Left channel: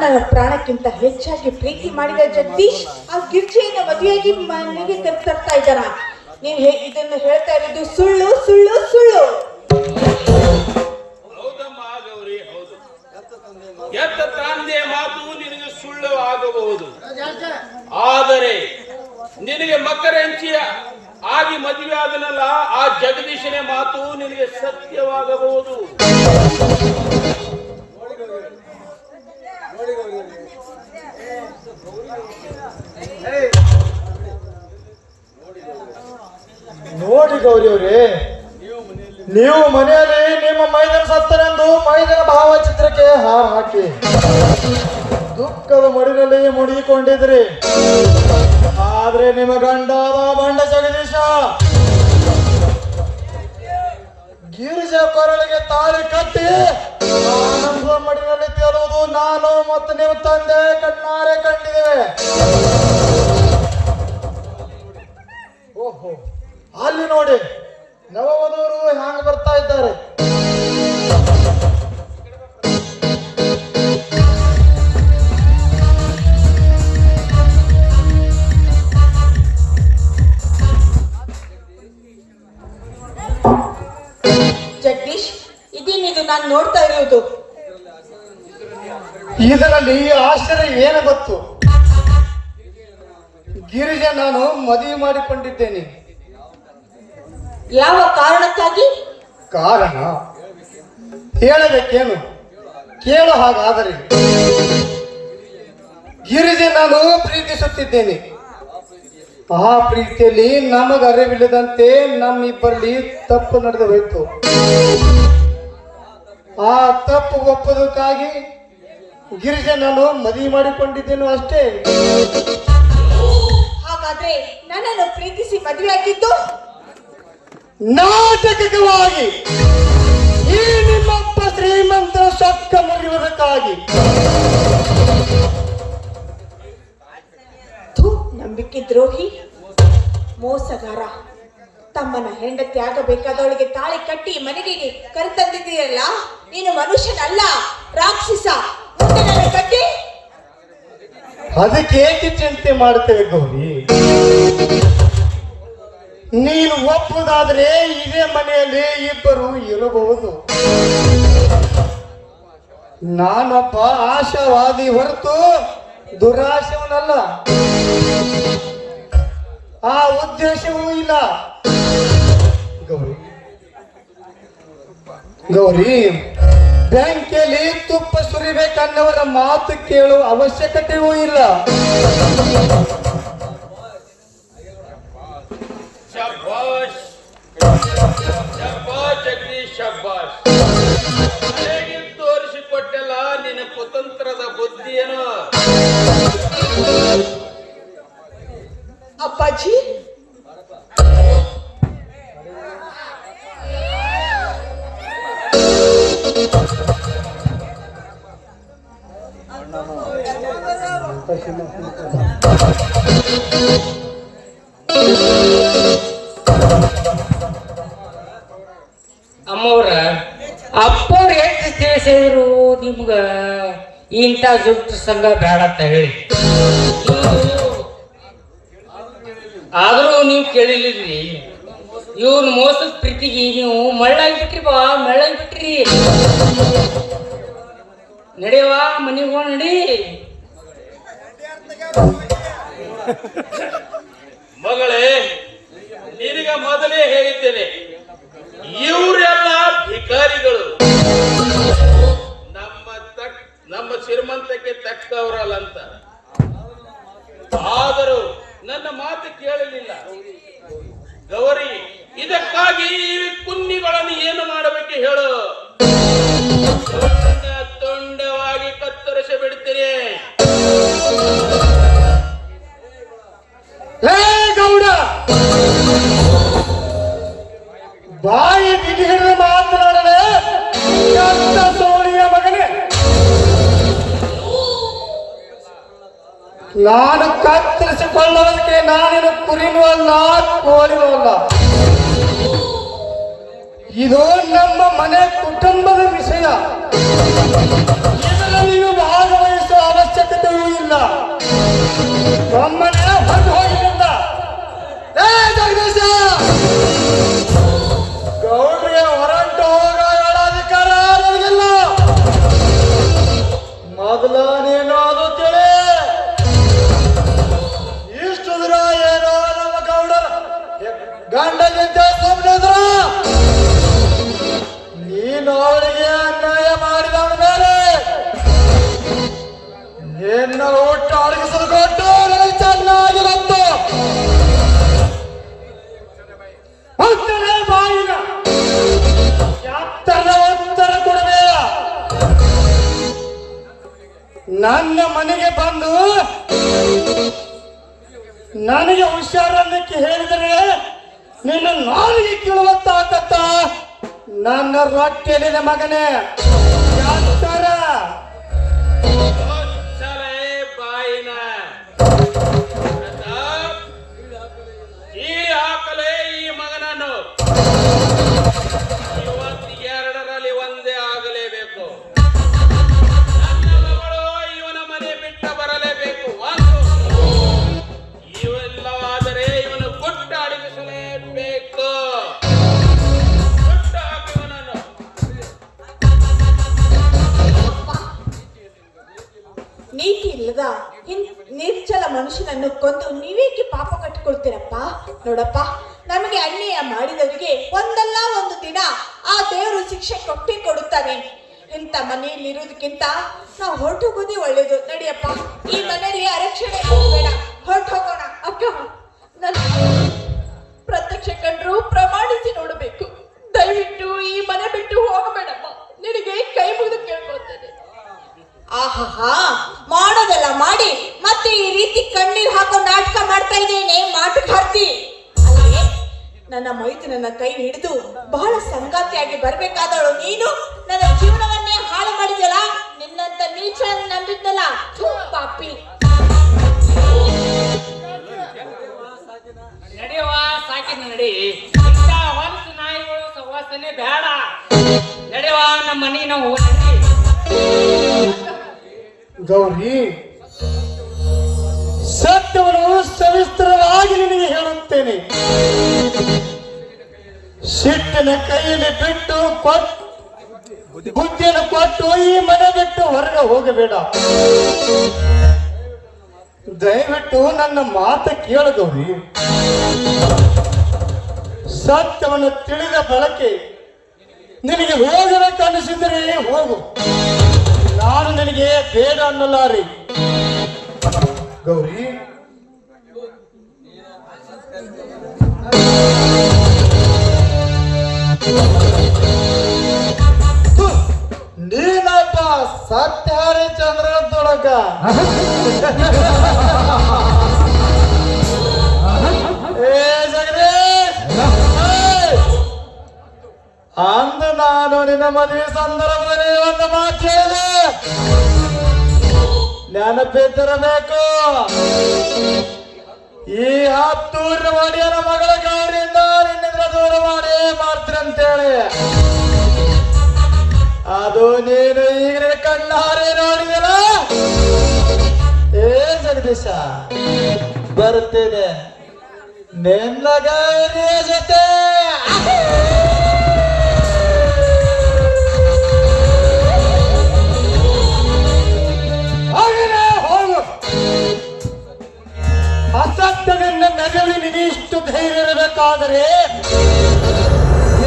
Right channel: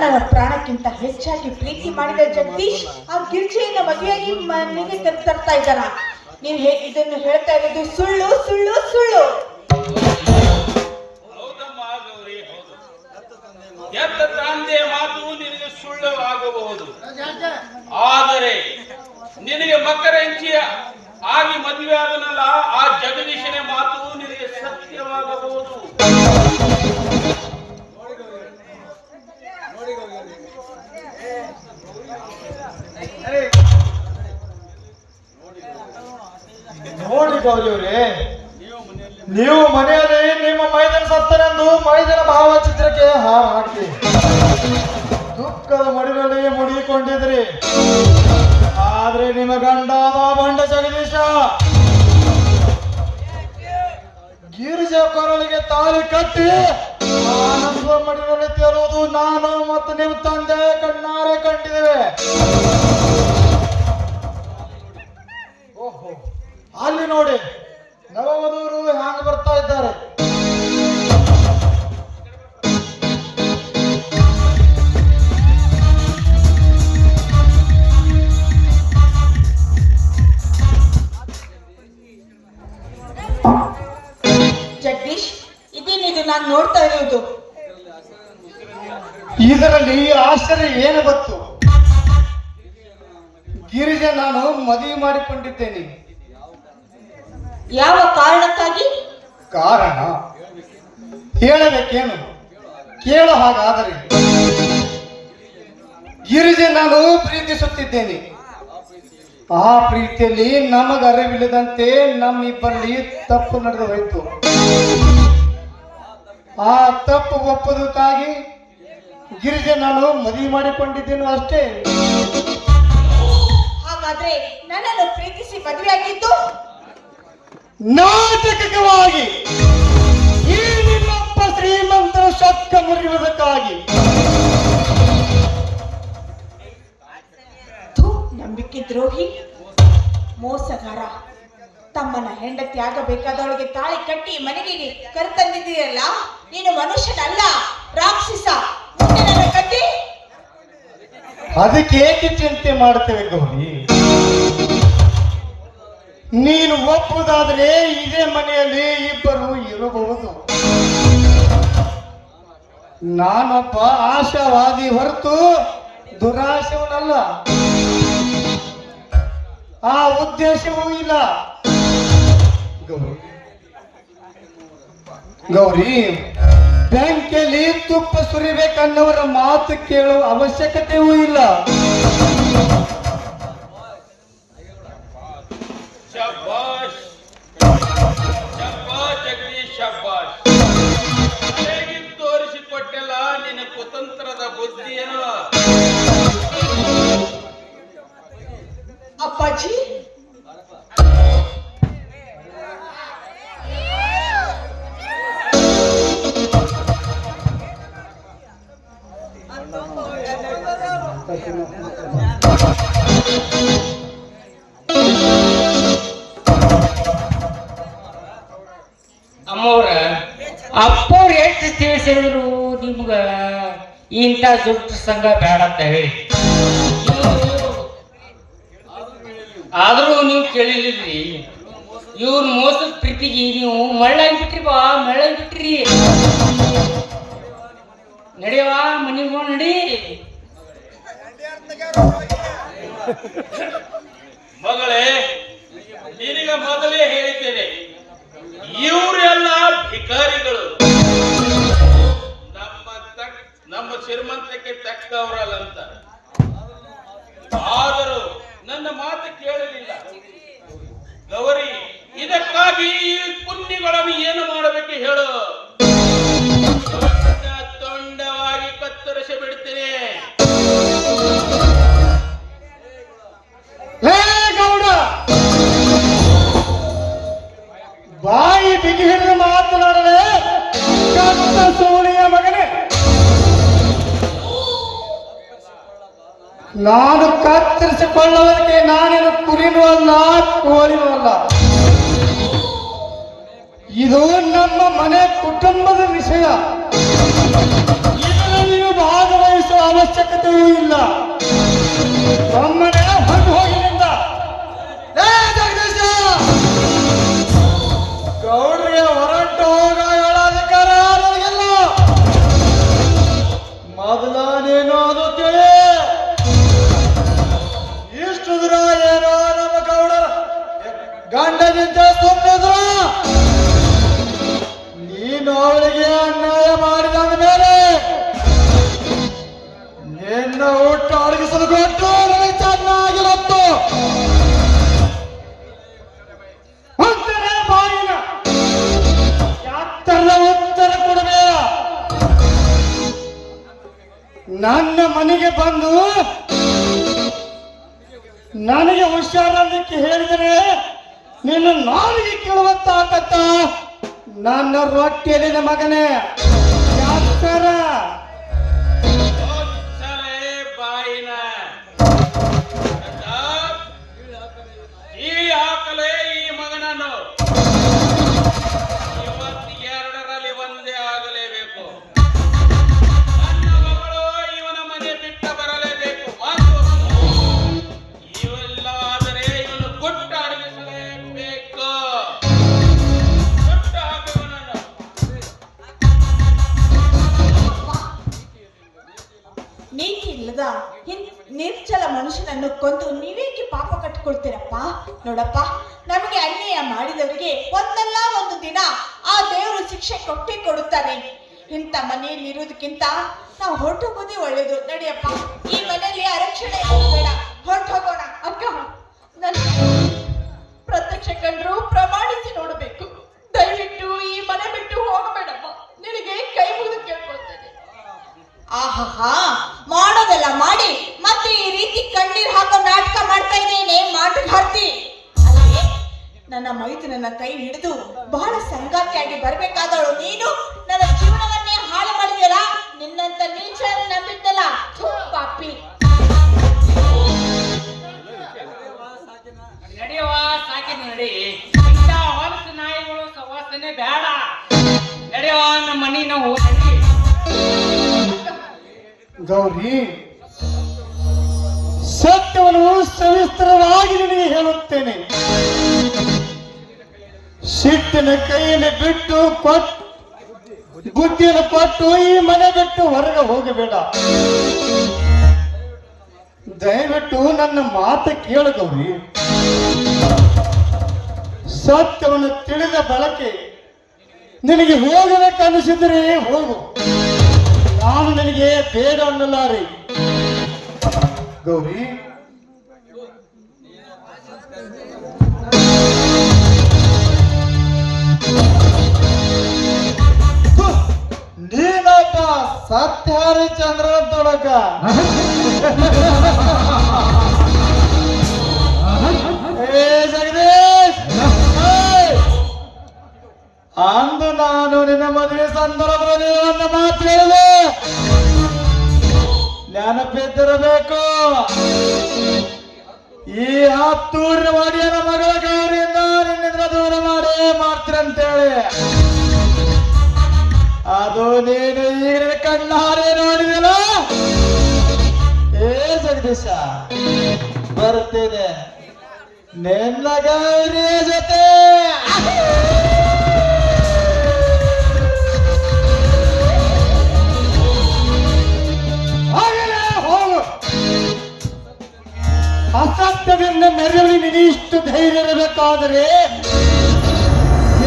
ನನ್ನ ಪ್ರಾಣಕ್ಕಿಂತ ಹೆಚ್ಚಾಗಿ ಪ್ರೀತಿ ಮಾಡಿದ ಜಗದೀಶ್ ಆ ಗಿರ್ಜೆಯನ್ನ ಮದುವೆಯಾಗಿ ಮನೆಗೆ ತರ್ತಾ ಇದ್ದಾನ. ನೀನ್ ಇದನ್ನು ಹೇಳ್ತಾ ಇರೋದು ಸುಳ್ಳು ಸುಳ್ಳು ಸುಳ್ಳು. ಹೌದಮ್ಮ ಗೌರಿ, ಹೌದು. ಎತ್ತ ತಂದೆ ಮಾತು ನಿನಗೆ ಸುಳ್ಳು ಆಗಬಹುದು, ಆದರೆ ನಿನಗೆ ಮಕರಂಚಿಯ ಆಗಿ ಮದುವೆ ಆದನಲ್ಲ ಆ ಜಗದೀಶನ ಮಾತು ನಿನಗೆ ಸತ್ಯವಾಗಬಹುದು. ನೋಡಿ ಗೌರಿಯವರೇ, ನೀವು ಮನೆಯಲ್ಲಿ ನಿಮ್ಮ ಮೈದನ ಸತ್ತನೆಂದು ಮೈದನ ಭಾವಚಿತ್ರಕ್ಕೆ ಹಾರ ಹಾಕಿ ದುಃಖದ ಮಡಿಲಲ್ಲಿ ಮುಡಿಕೊಂಡಿದ್ರಿ. ಆದ್ರೆ ನಿಮ್ಮ ಗಂಡಾದ ಬಂಡ ಜಗದೀಶ ಗಿರಿಜ ಕೊರಳಿಗೆ ತಾಳಿ ಕಟ್ಟಿ ಮಡಿಲಲ್ಲಿ ತೇಲೋದು ನಾನು ಮತ್ತು ನೀವು ತಂದೆ ಕಣ್ಣಾರೆ ಕಂಡಿದ್ದೇವೆ. ಓಹೋ, ಅಲ್ಲಿ ನೋಡಿ ನವವಧೂರು ಹ್ಯಾಂಗ ಬರ್ತಾ ಇದ್ದಾರೆ. ಜಗದೀಶ್, ಇದೇನಿದು ನಾನು ನೋಡ್ತಾ ಇರೋದು? ಇದರಲ್ಲಿ ಆಶ್ಚರ್ಯ ಏನು ಬತ್ತು? ಗಿರಿಜೆ ನಾನು ಮದುವೆ ಮಾಡಿಕೊಂಡಿದ್ದೇನೆ. ಯಾವ ಕಾರಣಕ್ಕಾಗಿ? ಕಾರಣ ಹೇಳಬೇಕೇನು? ಕೇಳು. ಹಾಗಾದರೆ ಗಿರಿಜೆ ನಾನು ಪ್ರೀತಿಸುತ್ತಿದ್ದೇನೆ. ಆ ಪ್ರೀತಿಯಲ್ಲಿ ನಮಗರಿವಿಲ್ಲದಂತೆ ನಮ್ಮಿಬ್ಬರಲ್ಲಿ ತಪ್ಪು ನಡೆದು ಹೋಯಿತು. ಆ ತಪ್ಪು ಒಪ್ಪದಕ್ಕಾಗಿ ಗಿರಿಜೆ ನಾನು ಮದುವೆ ಮಾಡಿಕೊಂಡಿದ್ದೇನು ಅಷ್ಟೇ. ಹಾಗಾದ್ರೆ ನನ್ನನ್ನು ಪ್ರೀತಿಸಿ ಮದುವೆ ಆಗಿದ್ದು ನಾಟಕವಾಗಿ ಈ ನಿಮ್ಮಪ್ಪ ಶ್ರೀಮಂತ ಶಕ್ತ ಮುರಿಯುವುದಕ್ಕಾಗಿ. ನಂಬಿಕೆ ದ್ರೋಹಿ, ಮೋಸಗಾರ. ತಮ್ಮನ ಹೆಂಡತಿ ಆಗಬೇಕಾದವಳಿಗೆ ತಾಳಿ ಕಟ್ಟಿ ಮನೆಗೆ ಕರೆತಂದಿದ್ದೀರಲ್ಲ, ನೀನು ಮನುಷ್ಯನಲ್ಲ, ರಾಕ್ಷಸ. ಕಟ್ಟಿ ಅದಕ್ಕೆ ಏಕೆ ಚಿಂತೆ ಮಾಡ್ತೇವೆ ಗೌರಿ? ನೀನು ಒಪ್ಪುದಾದ್ರೆ ಇದೇ ಮನೆಯಲ್ಲಿ ಇಬ್ಬರು ಇರಬಹುದು. ನಾನೊಬ್ಬ ಆಶಾವಾದಿ ಹೊರತು ದುರಾಶವನಲ್ಲ. ಆ ಉದ್ದೇಶವೂ ಇಲ್ಲ. ಗೌರಿ, ಬೆಂಕಿಯಲ್ಲಿ ತುಪ್ಪ ಸುರಿಬೇಕನ್ನವರ ಮಾತು ಕೇಳುವ ಅವಶ್ಯಕತೆಯೂ ಇಲ್ಲ. ಶಬ್ಬಾಷ್ ಶಬ್ಬಾಷ್ ಜಗದೀಶ್, ಶಬ್ಬಾಷ್. ತೋರಿಸಿಕೊಟ್ಟೆಲ್ಲ ನಿನ್ನ ಕುತಂತ್ರದ ಬುದ್ಧಿಯೇನು? ಅಪ್ಪಾಜಿ, ಅಮ್ಮವ್ರ ಅಪ್ಪವ್ರು ಎಷ್ಟು ತಿಳಿಸಿದ್ರು ನಿಮ್ಗ ಇಂಥ ಜುಟ್ಟು ಸಂಘ ಬೇಡ ಅಂತ ಹೇಳಿ, ಆದ್ರೂ ನೀವು ಕೇಳಿಲ್ರಿ. ಇವ್ನ ಮೋಸದ ಪ್ರೀತಿಗೆ ನೀವು ಮಳ್ಳಾಗ್ಬಿಟ್ರಿ. ಬಾ ಮಳ್ಳಾಗ್ಬಿಟ್ರಿ. ನಡೆಯವಾ ಮನೆಗೆ ಹೋಗಿ ನಡಿ. ಮಗಳೇ, ನಿನಗ ಮೊದಲೇ ಹೇಳಿದ್ದೇನೆ, ಇವರೆಲ್ಲ ಭಿಕಾರಿಗಳು. ನಮ್ಮ ಶ್ರೀಮಂತಕ್ಕೆ ತಕ್ಕವರಲ್ಲ ಅಂತ. ನಾನು ಕತ್ತರಿಸಿಕೊಳ್ಳುವುದಕ್ಕೆ ನಾನೇನು ಕುರಿನೂ ಅಲ್ಲ, ಕೋಳಿನೂ ಅಲ್ಲ. ಇದು ನಮ್ಮ ಮನೆ ಕುಟುಂಬದ ವಿಷಯ. ಇದರಲ್ಲಿ ಭಾಗವಹಿಸುವ ಅವಶ್ಯಕತೆಯೂ ಇಲ್ಲ. ಒಮ್ಮನೆ ಹೊರಟು ಹೋಗಿನಿಂದ ಗೌಡ್ರಿಗೆ ಹೊರಟು ಹೋಗಗಳ ಅಧಿಕಾರ ನನಗಿಲ್ಲ. ಮೊದಲ ನೀನು ಅದು ತಿಳಿ. ಇಷ್ಟು ದಿನ ಏನೋ ನಮ್ಮ ಗೌಡರ ಗಂಡಗಿಂತ ಸುಮ್ಮನಿದ್ರ ನೀನು ಅವಳಿಗೆ ಅನ್ಯಾಯ ಮಾಡಿದ ಮೇಲೆ ನಿನ್ನ ಊಟ ಅಡಗಿಸಲು ಕೊಟ್ಟು ನನಗೆ ಚೆನ್ನಾಗಿ ಬಂತು. ಉತ್ತರ ಬಾಯಿನ ಯಾತ್ತರ ಉತ್ತರ ಕೊಡಬೇಡ. ನನ್ನ ಮನೆಗೆ ಬಂದು ನನಗೆ ಹುಷಾರಕ್ಕೆ ಹೇಳಿದರೆ ನಿನ್ನ ನಾಲಿಗೆ ಕೇಳುವಂತ ಆಕತ್ತ. ನನ್ನ ರೊಟ್ಟಿಯಲ್ಲಿನ ಮಗನೇ ಯಾತ್ತರ ಚಲೇ ಬಾಯಿನ ಈ ಹಾಕಲೇ ಈ ಮಗನನ್ನು ಇವತ್ತು ಎರಡರಲ್ಲಿ ಒಂದೇ ಆಗಲೇಬೇಕು. ನನ್ನ ಮಗಳು ಇವನ ಮನೆ ಬಿಟ್ಟು ಬರಲೇಬೇಕು. ಇವೆಲ್ಲ ಆದರೆ ಇವನು ಗುಟ್ಟ ಅಡಗಿಸಲೇಬೇಕು. ಗುಟ್ಟ ಹಾಕು ಇವನನ್ನು. ನೀತಿ ಇಲ್ಲದ ನಿರ್ಜಲ ಮನುಷ್ಯನನ್ನು ಕೊಂದು ನೀವೇಕೆ ಪಾಪ ಕಟ್ಟಿಕೊಳ್ತೀರಪ್ಪ? ನೋಡಪ್ಪ, ನಮಗೆ ಅನ್ಯಾಯ ಮಾಡಿದವರಿಗೆ ಒಂದಲ್ಲ ಒಂದು ದಿನ ಆ ದೇವರು ಶಿಕ್ಷೆ ಕೊಟ್ಟೇ ಕೊಡುತ್ತಾನೆ. ಇಂಥ ಮನೆಯಲ್ಲಿ ಇರುವುದಕ್ಕಿಂತ ನಾವು ಹೊರಟೋಗೋದೇ ಒಳ್ಳೇದು. ನಡಿಯಪ್ಪ, ಈ ಮನೆಯಲ್ಲಿ ಅರಕ್ಷಣೆ ಬೇಡ, ಹೊರಟು ಹೋಗೋಣ. ಅಕ್ಕ, ನನ್ನ ಪ್ರತ್ಯಕ್ಷ ಕಂಡ್ರು ಪ್ರಮಾಣಿಸಿ ನೋಡಬೇಕು. ದಯವಿಟ್ಟು ಈ ಮನೆ ಬಿಟ್ಟು ಹೋಗಬೇಡಮ್ಮ. ನಿನಗೆ ಕೈ ಮುಗಿದು ಕೇಳ್ಕೊಳ್ತೇನೆ. ಆಹಾ, ಮಾಡೋದೆಲ್ಲ ಮಾಡಿ ಮತ್ತೆ ಈ ರೀತಿ ಕಣ್ಣೀರ್ ಹಾಕೋ ನಾಟಕ ಮಾಡ್ತಾ ಇದ್ದೇನೆ. ಮಾಟಗಾರ್ತಿ ಅಲ್ಲೇ ನನ್ನ ಮೈದುನನ್ನ ಕೈ ಹಿಡಿದು ಬಹಳ ಸಂಗಾತಿಯಾಗಿ ಬರ್ಬೇಕಾದವಳು ನೀನು ನನ್ನ ಜೀವನವನ್ನೇ ಹಾಳು ಮಾಡಿದಲ್ಲ. ನಿನ್ನಂತ ನೀಚ ನಂಬಿದ್ದಲ್ಲ, ಪಾಪಿ. ನಡೆಯವ ಸಾಕಿ ನಡಿ. ಇಂಥ ಹೊಲಸು ನಾಯಿಗಳು ಸವಾಸನೆ ಬೇಡ. ನಡೆಯವ ನಮ್ಮ ಮನೆ ನಾವು ನಡಿ. ಗೌರಿ, ಸತ್ಯವನ್ನು ಸವಿಸ್ತರವಾಗಿ ನಿನಗೆ ಹೇಳುತ್ತೇನೆ. ಸಿಟ್ಟಿನ ಕೈಯಲ್ಲಿ ಬಿಟ್ಟು ಬುದ್ಧಿಯನ್ನು ಕೊಟ್ಟು ಈ ಮನೆ ಬಿಟ್ಟು ಹೊರಗೆ ಹೋಗಬೇಡ. ದಯವಿಟ್ಟು ನನ್ನ ಮಾತು ಕೇಳ ಗೌರಿ. ಸತ್ಯವನ್ನು ತಿಳಿದ ಬಳಕೆ ನಿನಗೆ ಹೋಗಬೇಕನ್ನಿಸಿದರೆ ಹೋಗು. ನಾನು ನಿನಗೆ ಬೇಡ ಅನ್ನಲಾರೆ. ಗೌರಿ, ನೀನಪ್ಪ ಸತ್ಯ ಹರಿಚಂದ್ರ ತೊಡಕ. ಏ ಜಗದೀಶ್, ಅಂದ ನಾನು ನಿನ್ನ ಮದುವೆ ಸಂದರ್ಭದಲ್ಲಿ ಒಂದು ಮಾತು ಹೇಳಿದೆ, ನೆನಪಿದ್ದಿರಬೇಕು. ಈ ಹತ್ತೂರ ಒಡೆಯನ ಮಗಳ ಗೌರಿಯಿಂದ ನಿನ್ನಿಂದ ದೂರ ಮಾಡಿ ಮಾಡ್ತೀರಂತೇಳಿ ಅದು ನೀನು ಈಗ ಕಣ್ಣಾರೆ ನೋಡಿದಲ್ಲ. ಏ ಜಗದೀಶ, ಬರುತ್ತೇನೆ ನಿನ್ನ ಗೌರಿಯ ಜೊತೆ. ಅಸತ್ಯದಿಂದ ನೆರಳಿ ನಿನಿಷ್ಟು ಧೈರ್ಯ ಇರಬೇಕಾದರೆ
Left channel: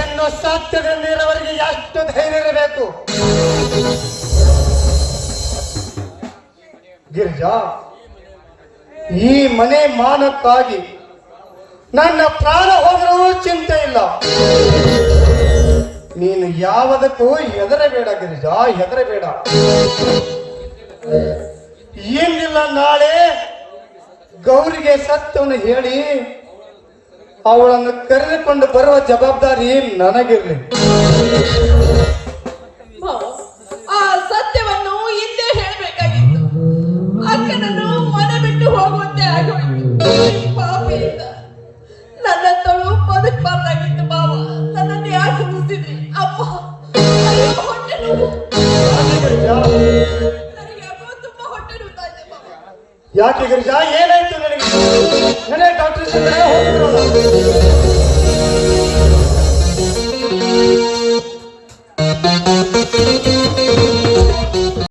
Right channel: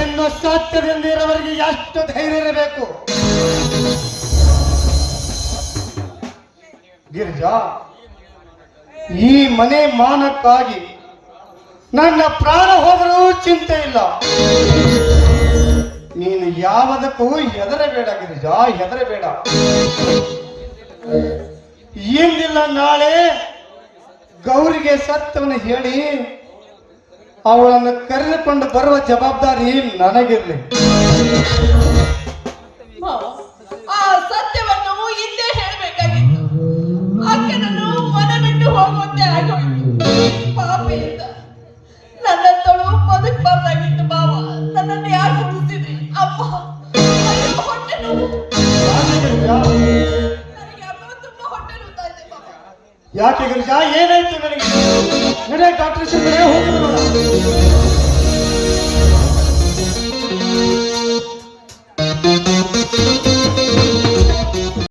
ಇನ್ನು ಸತ್ಯದಿಂದ ಇರುವವರಿಗೆ ಎಷ್ಟು ಧೈರ್ಯ ಇರಬೇಕು. ಗಿರಿಜಾ, ಈ ಮನೆ ಮಾನಕ್ಕಾಗಿ ನನ್ನ ಪ್ರಾಣ ಹೋದರೂ ಚಿಂತೆ ಇಲ್ಲ. ನೀನು ಯಾವುದಕ್ಕೂ ಹೆದರಬೇಡ ಗಿರಿಜಾ, ಹೆದರಬೇಡ. ಇಂದಿಲ್ಲ ನಾಳೆ ಗೌರಿಗೆ ಸತ್ಯವನ್ನು ಹೇಳಿ ಅವಳನ್ನು ಕರೆದುಕೊಂಡು ಬರುವ ಜವಾಬ್ದಾರಿ ನನಗಿರಲಿ. ಆ ಸತ್ಯವನ್ನು ಹಿಂದೆ ಹೇಳಬೇಕಾಗಿತ್ತು. ಆಕೆ ನಾನು ಮನ ಯಾಕೆ ಗಿರಿಜಾ ಏನಾಯ್ತು ನನಗೆ? ನಡೆ ಡಾಕ್ಟರ್